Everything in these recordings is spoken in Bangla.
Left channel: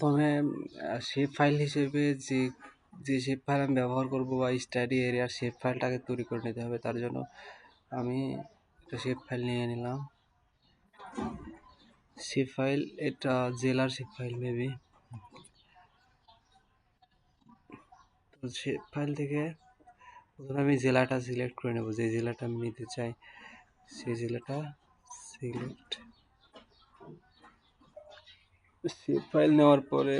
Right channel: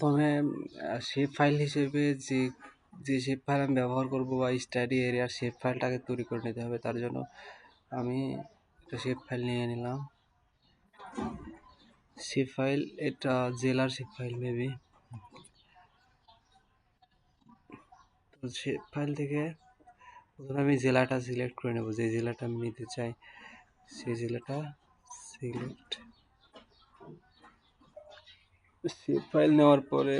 প্রথমে শেপ ফাইল হিসেবে যে শেপ ফাইল আমি ব্যবহার করব বা স্টাডি এরিয়ার শেপ ফাইলটাকে তৈরি করে নিতে হবে। তার জন্য আমি একটা শেপ ফাইল নিয়ে নিলাম। শেপ ফাইল, এটা জেলার শেপ ফাইল মেবি। তো শেপ ফাইল থেকে প্রথমে আমি জেলাটা সিলেক্ট করে নেব, যে জেলাটা আমি নিতে চাই সেই জেলাটা সিলেক্ট। শেপ ফাইল নেওয়ার পরে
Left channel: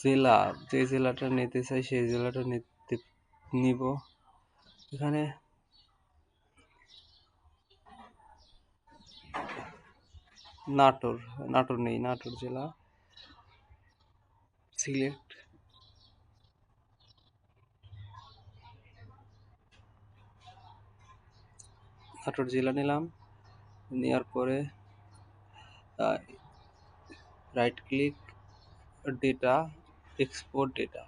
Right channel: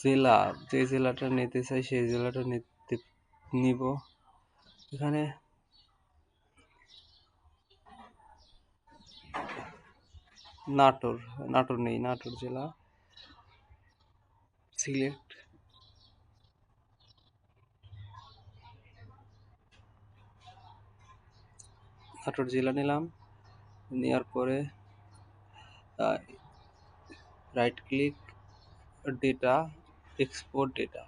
জেলা, যে জেলাটা নিতে চাই সেই জেলাটা নিব। এখানে নাটোর নেই, নাটোর জেলা সিলেক্ট। নাটোর জেলা নিলাম, নেওয়ার পরে right click, data, export data.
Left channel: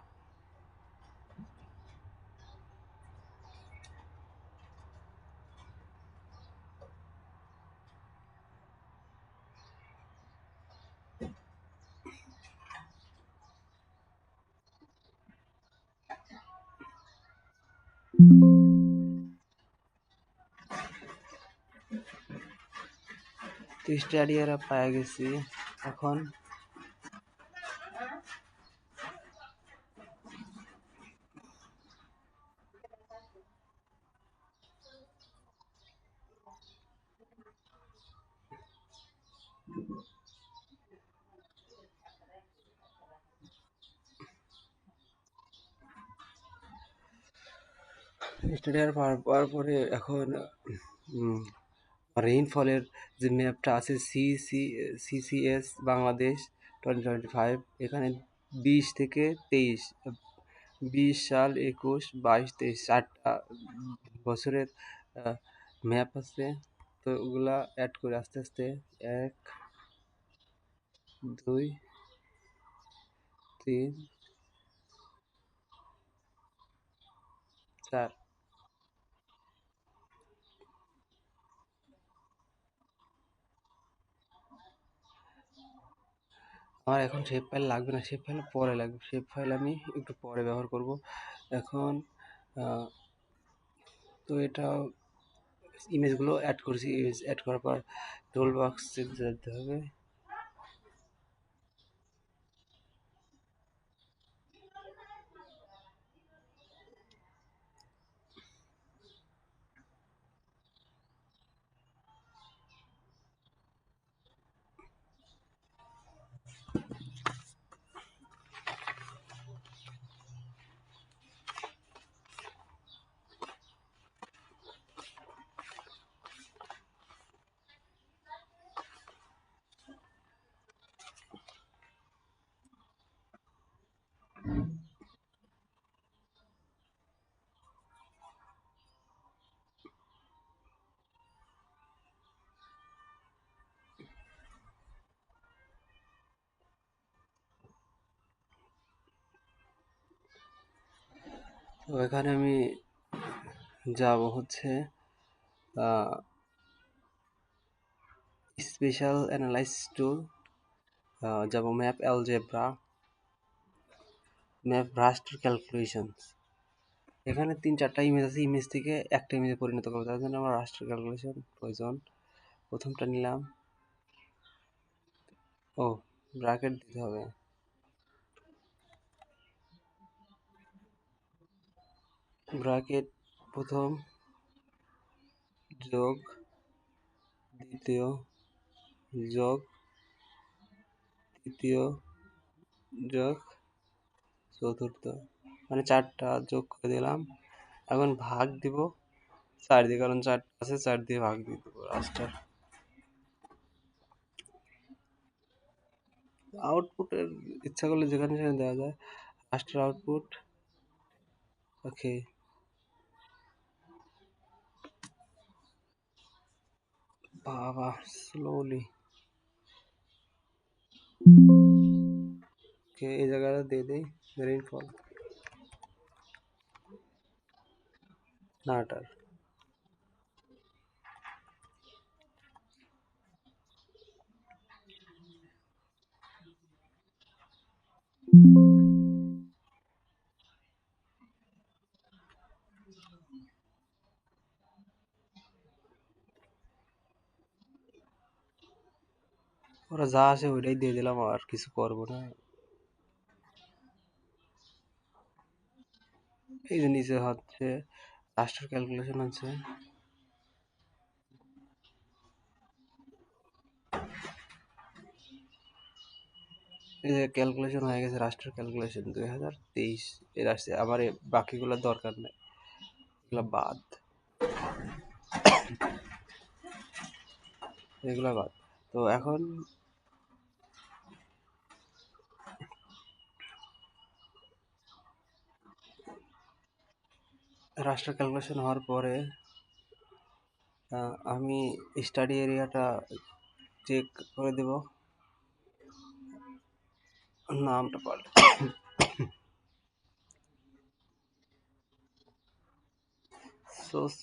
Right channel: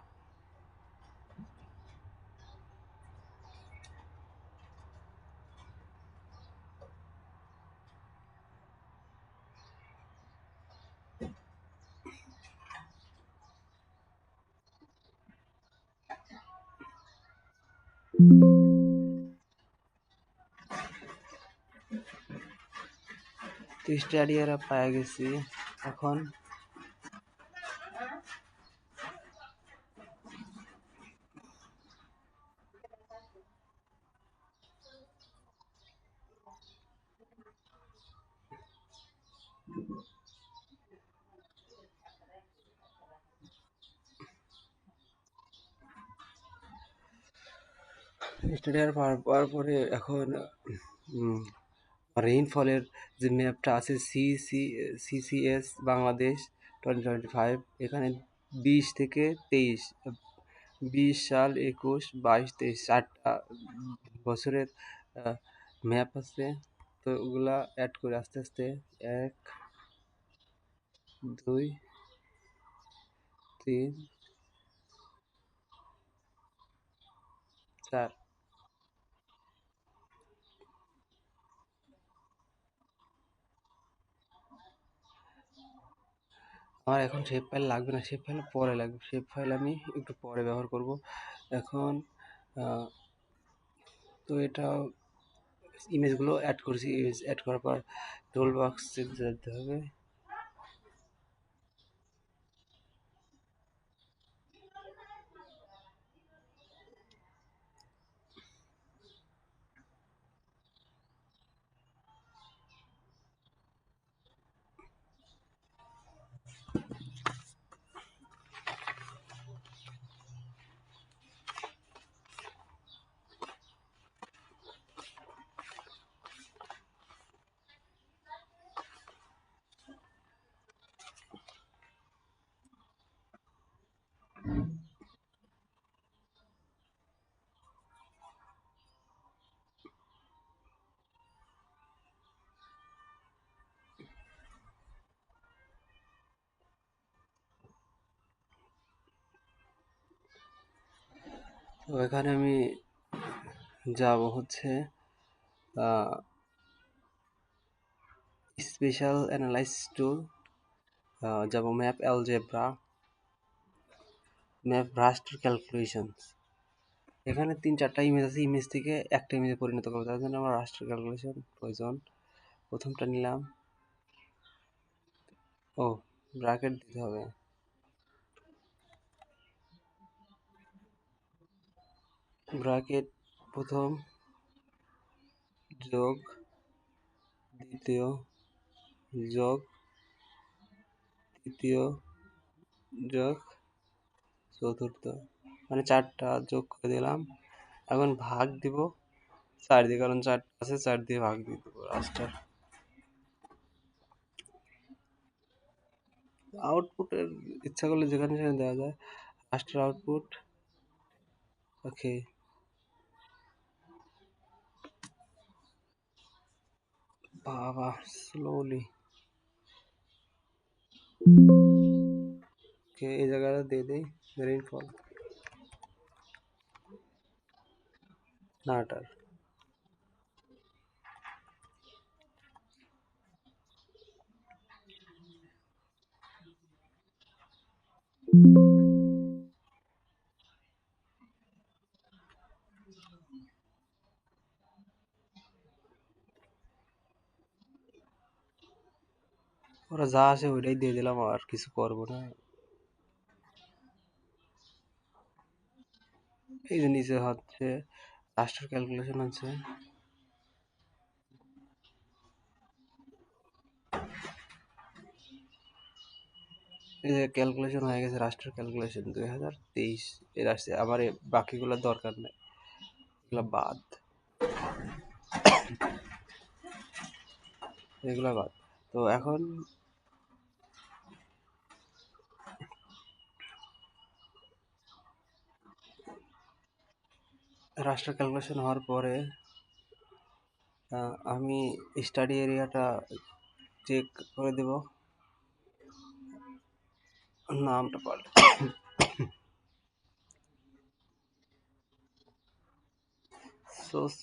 তো স্টাডিয়ারা পাওয়া গেছি। এখন স্টাডিয়ার পাওয়ার পরে এখন রেইনফলের যে ম্যাপটা আছে সিসিএস বাংলাদেশ 2025, এখানে 20 থেকে 23, 20 সাল, 21, 22, 23 4টা বছরের ম্যাপ আছে। তো ওগুলা অ্যাড করে আস্তে আস্তে 1, 2, 3, 4। আমার এখন শেপ ফাইল লাগবে না, শেপ ফাইল পরে লাগবে, শেপ ফাইল আমি একটু পরে ব্যবহার করব। এখন তো এটা ইমেজগুলো অ্যাড করেছি, ইমেজ অ্যাড করার পর টুল বক্সে যেতে হবে। তো এখানে আমি যাব হচ্ছে স্পেশাল অ্যানালাইজ টুল, যাব ম্যাপ অ্যালজেব্রা, ম্যাপ রাস্টার ক্যালকুলেশনস। এখানে 3-4টা ইমেজ আছে, ইমেজ থেকে একটা ইমেজে পরিণত করবো, তার জন্য আমার রাস্টার ক্যালকুলেশন প্রয়োজন। প্রথমটা নিলাম, ও ব্র্যাকেট দিতে হবে। ব্র্যাকেট প্রথম যোগ দ্বিতীয় যোগ তৃতীয় যোগ চতুর্থ, মানে 4টা যোগ করে দিলাম। এখন ভাগ দিব 4 দিয়ে, কারণ 4টা আছে, 4 দিয়ে ভাগ দিয়ে দেবো। রাস্টার আউটপুটের ইচ্ছা করলে যেখানে সেখানে দেওয়া যায়। রাস্টার আউটপুট, ওকে। বাবা স্লোলি, ওকে, এই জায়গাটা দিয়ে দিই রেইনফল, নাটার। ওরা যা আসে ওইটাই দিয়ে দিলাম, আর কিছু করবো না। এই যে নিচে হচ্ছে রাষ্ট্র ক্যালকুলেশন আছে। এই যে ক্যালকুলেশন হয়ে গেছে, রাষ্ট্র ক্যালকুলেশন 2023 এর আসছে। আমার বাকিগুলো দরকার নেই, এগুলো বাদ, এগুলো বাদ। তো এখন রাষ্ট্র ক্যালকুলেশন হওয়ার পরে আমি স্টাডি এরিয়াটা চেক করে দেব, নামটা পাল্টে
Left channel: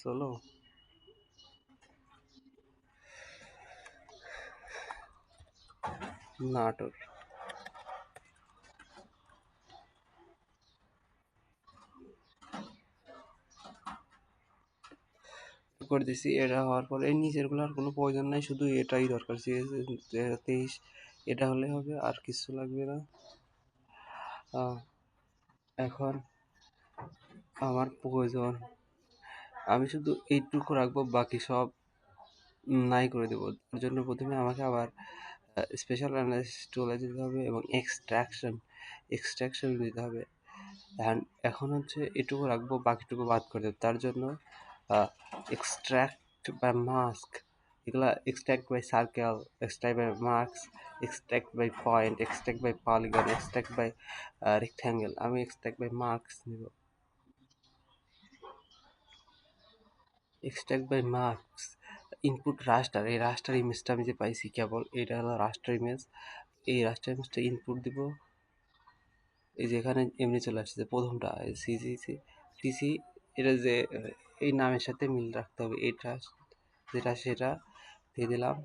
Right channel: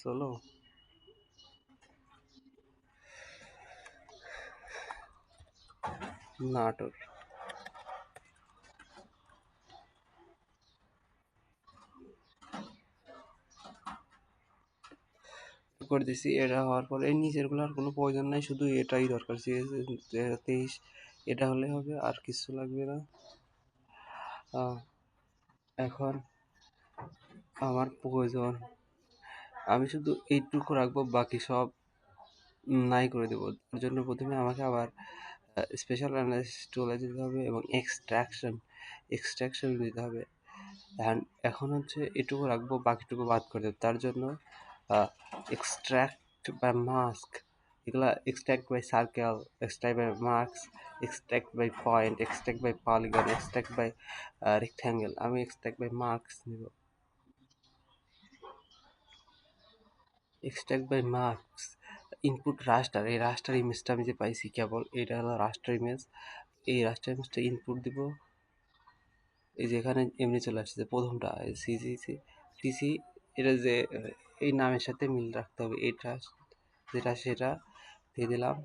চলো নাটোর করে দিছি। এটা হওয়ার পরে এই নিচেরগুলো আর কোনো প্রয়োজন নাই, শুধু এটাই দরকার, 2023 এটা হলে হবে, আর কিছু লাগবে না। এখন আমার প্রয়োজন, আমি শুধু এইটুকু রাখবো, বাকি সব নাই করে দেবো। তার জন্য প্রথমে আমাকে আবার স্পেশাল অ্যানালাইসিস টুলে যেতে হবে এবং এক্সট্রাকশন দিতে হবে। অ্যান্ড এখন হচ্ছে এটুকু রাখবো, বাকিটুকু বাদ করে দেবো। তার জন্য এক্সট্রাক্ট বাই মাস্ক, এগুলা extract by circle, extract by marks, extract by point, extract by polygon, extract by rectangle. আমি এক্সট্রাক্ট বাই মার্কস নেব। Extract by marks, input raster, এই রাস্টার ইমেজটা আমি যে পাইছি কেবল, এটা হলো রাস্টার ইমেজ। এই রাস্টার ইমেজটা ইনপুট দিব। এই যে এখানে এমনি চলে আসছে প্রথমটা সিসি সিসি, এটা যে এই নামের সাথে মিল রাখতে হবে, এটা যেটা সেটা দিয়ে দিলাম।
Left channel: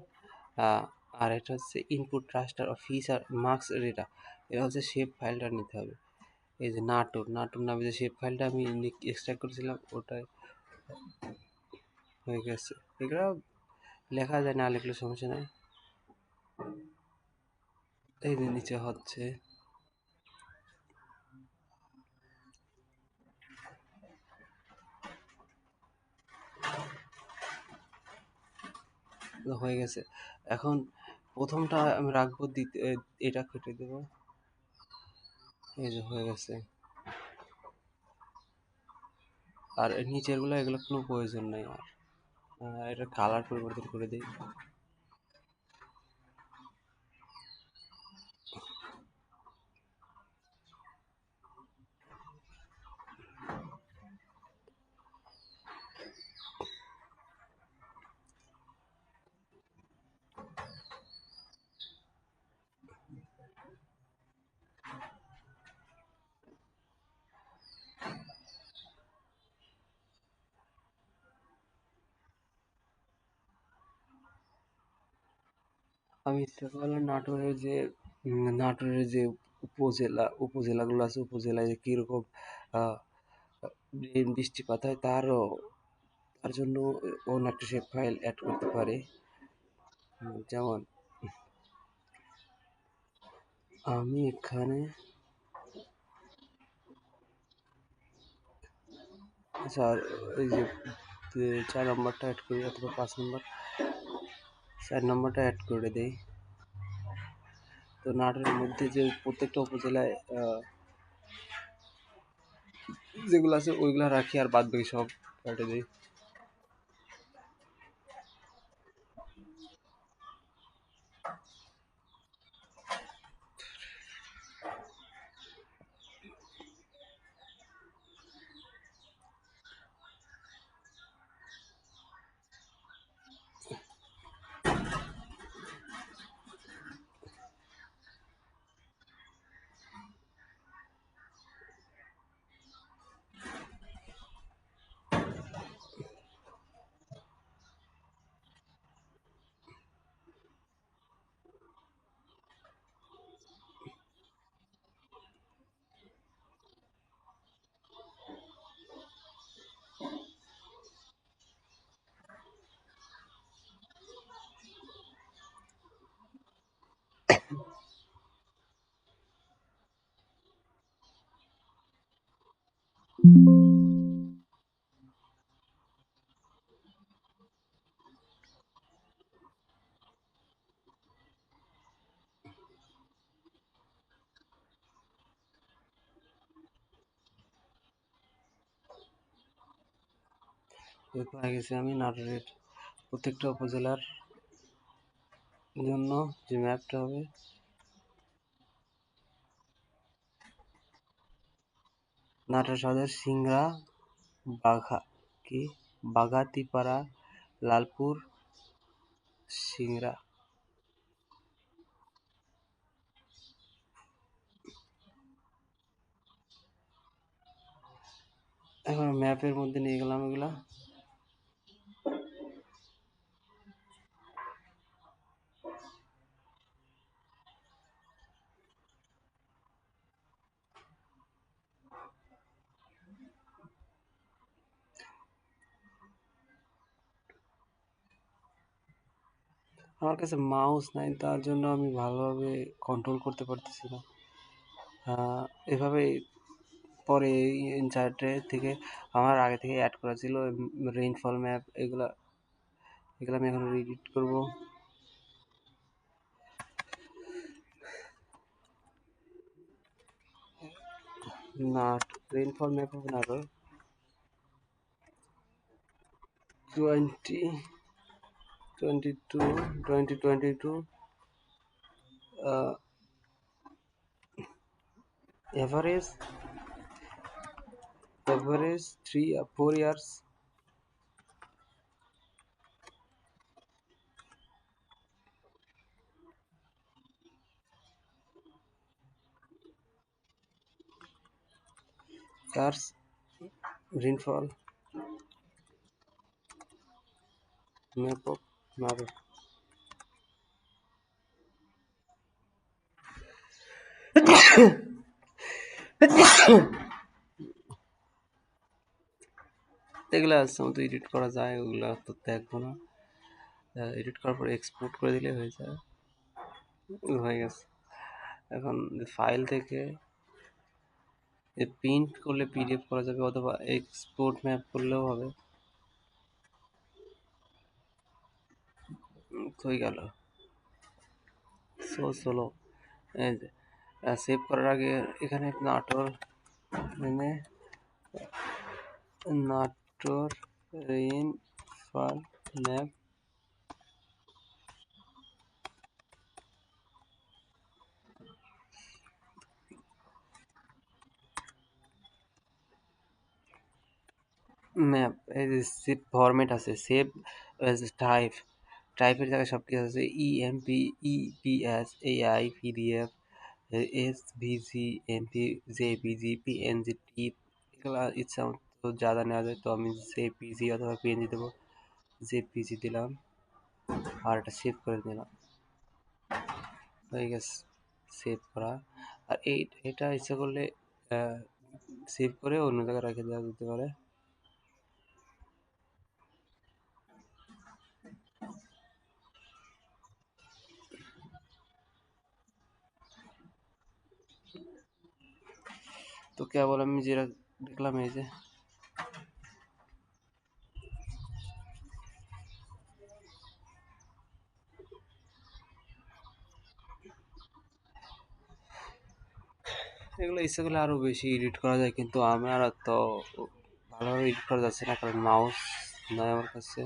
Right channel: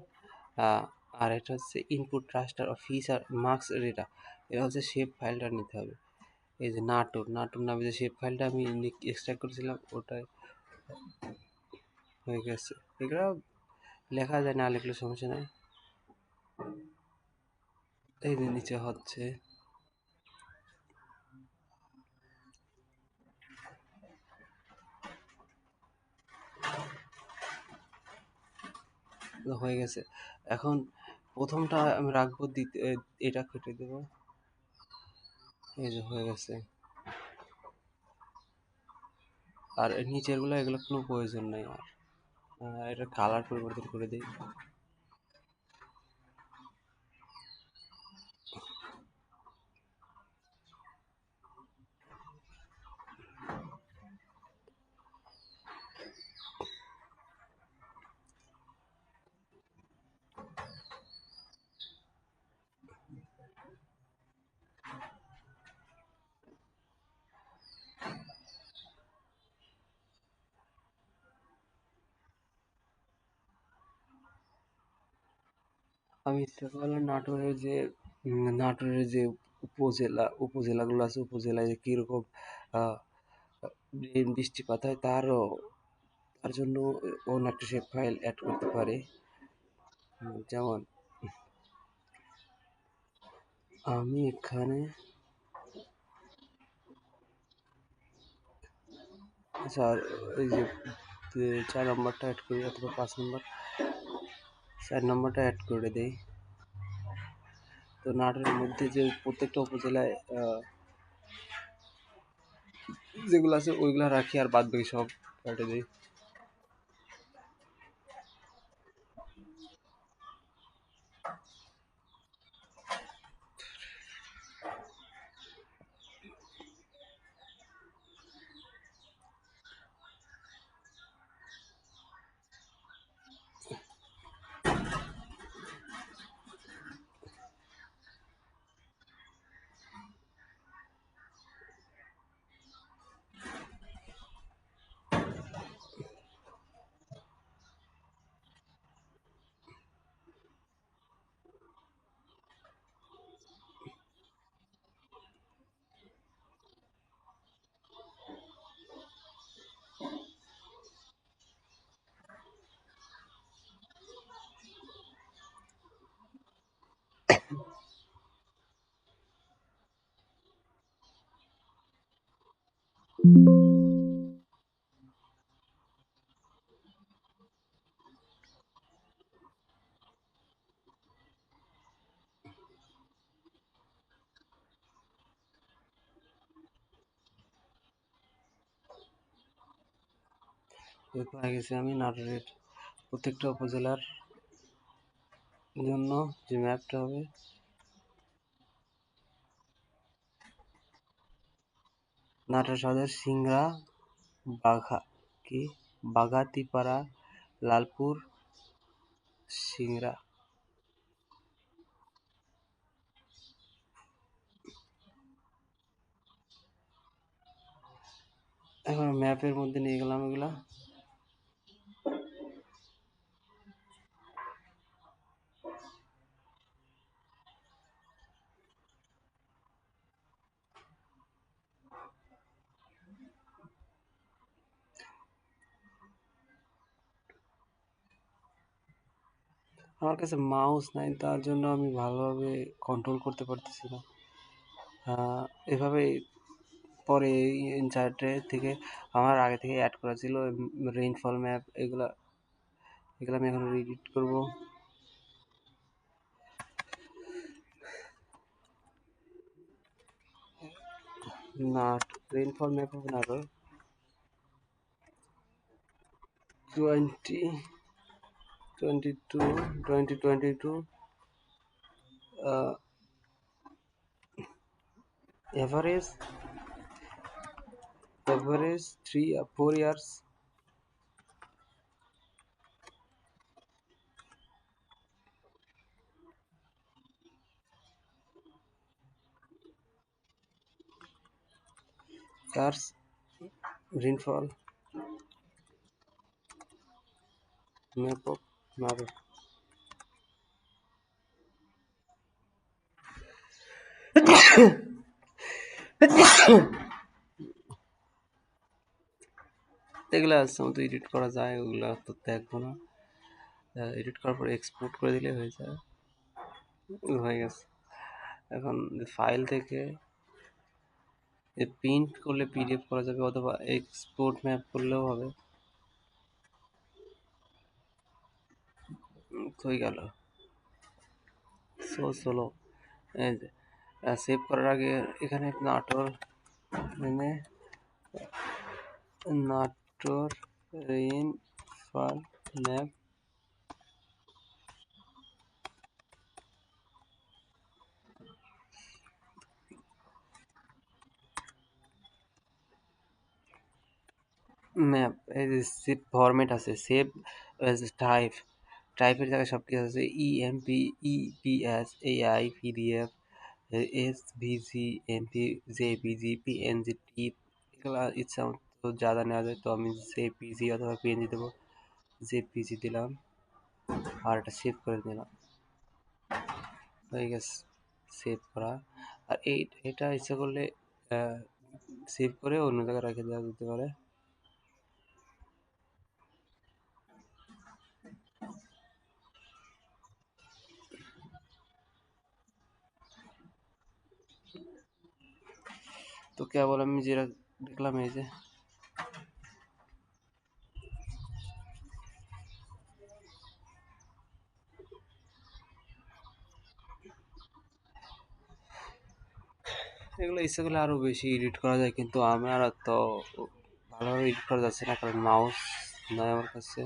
আর এটা হচ্ছে input raster of feature marks, এটা হচ্ছে শেপ ফাইলটা নিতে হবে। এই যে নাটোর নাটোর নামে যে শেপ ফাইলটা আমি এক্সট্রাক্ট করেছিলাম, ওটাই হয়ে গেছে। এগুলো লেখা যায়, না লিখলে সমস্যা নেই। এই যে নিচে হচ্ছে হয়ে গেছে। এখন প্রথমটা আমি রাখবো, এটা কেটে দেবো। এই যে হয়ে গেছে। আর নিচেরগুলো এগুলো কোনো প্রয়োজন নাই আর। এটা কালার পরিবর্তন করে দিই। আমি ইচ্ছা করলাম নাটোরের যে উপজেলাগুলো আছে, উপজেলায় যে কীরকম আহ, বৃষ্টিপাত হয়, তার জন্য অন্য একটা শেপ ফাইল অ্যাড করতে পারে। যেমন আমি এখানে, আচ্ছা ওই যে 4 নম্বরটা অ্যাড করি, অথবা 5 নম্বর, 4 নম্বরটা অ্যাড করে দেই। তো নাটোরের মধ্যে যে প্রত্যেকটা উপজেলায় যেগুলো আছে ওইগুলো রাখি, আর বাদ বাকি সব কেটে দিই। এরপর গেছি আমি নাটোরের প্রত্যেকটা উপজেলার জন্য যে ম্যাপটা হবে, নাটোর সদর, সিংড়া, বাঘা কি বাগাতিপাড়া, লালপুর, সিংড়া। এখন ম্যাপের মধ্যে নিয়ে গেলাম এগুলা। আমার কাছে মাউস নাই, তার জন্য আমি ভালোভাবে কন্ট্রোল করতে পারতেছি না। এভাবে পরে ইনসার্টে থেকে আমার আগে থেকে অ্যাড করা ছিল রেইনফল ম্যাপ, এগুলা এগুলো আমি এখন এডিট করব। না, রেইনফল ম্যাপ হবে না, আরো 2022 average 3 or 4 years. Cars rainfall map of Nagar. এগুলো আছে মতো এডিট করা যায়, ওগুলো তো দেখবো না। এডিট করার পর এক্সপোর্ট করে দিলে হয়ে যায়, হয়ে গেছে। এখন ফাইল থেকে প্রিন্ট করলে পিডিএফ করা যাবে, অথবা এক্সপোর্ট ম্যাপ করলেও হবে। হয়ে গেল। চলো এই যে সেভ করার আগে এখানে নাটোর মানে নাটোর রেইনফল ম্যাপ ম্যাপ, এই যে সেভ ফরম্যাট আছে, সেভ টাইপ, টাইপের জায়গায় সব কিছু আছে, EMP, EPS, AI, PDF, SVG, MP, JPG, PNG, TIFF, এগুলো ইচ্ছা মতো যা নেওয়া যায়। তো আমি জেপিজি অথবা পিএনজি দেবো, জেপিজি দিলাম আর এটা সেভ করে দিলাম, হয়ে গেছে সেভ করা। আর এটা ইচ্ছা করলে সেভ করে অন্য জায়গায় রেখে দেওয়া যেতে পারে। তো কেবল আমি যেটা দেখলাম এই যে এগুলো ইচ্ছা করলে আরো বেশি এডিট করা যায়, কিন্তু আমার তো ভালোভাবে এডিট করা যাচ্ছে না, কারণ মাউস নয় আমার কাছে।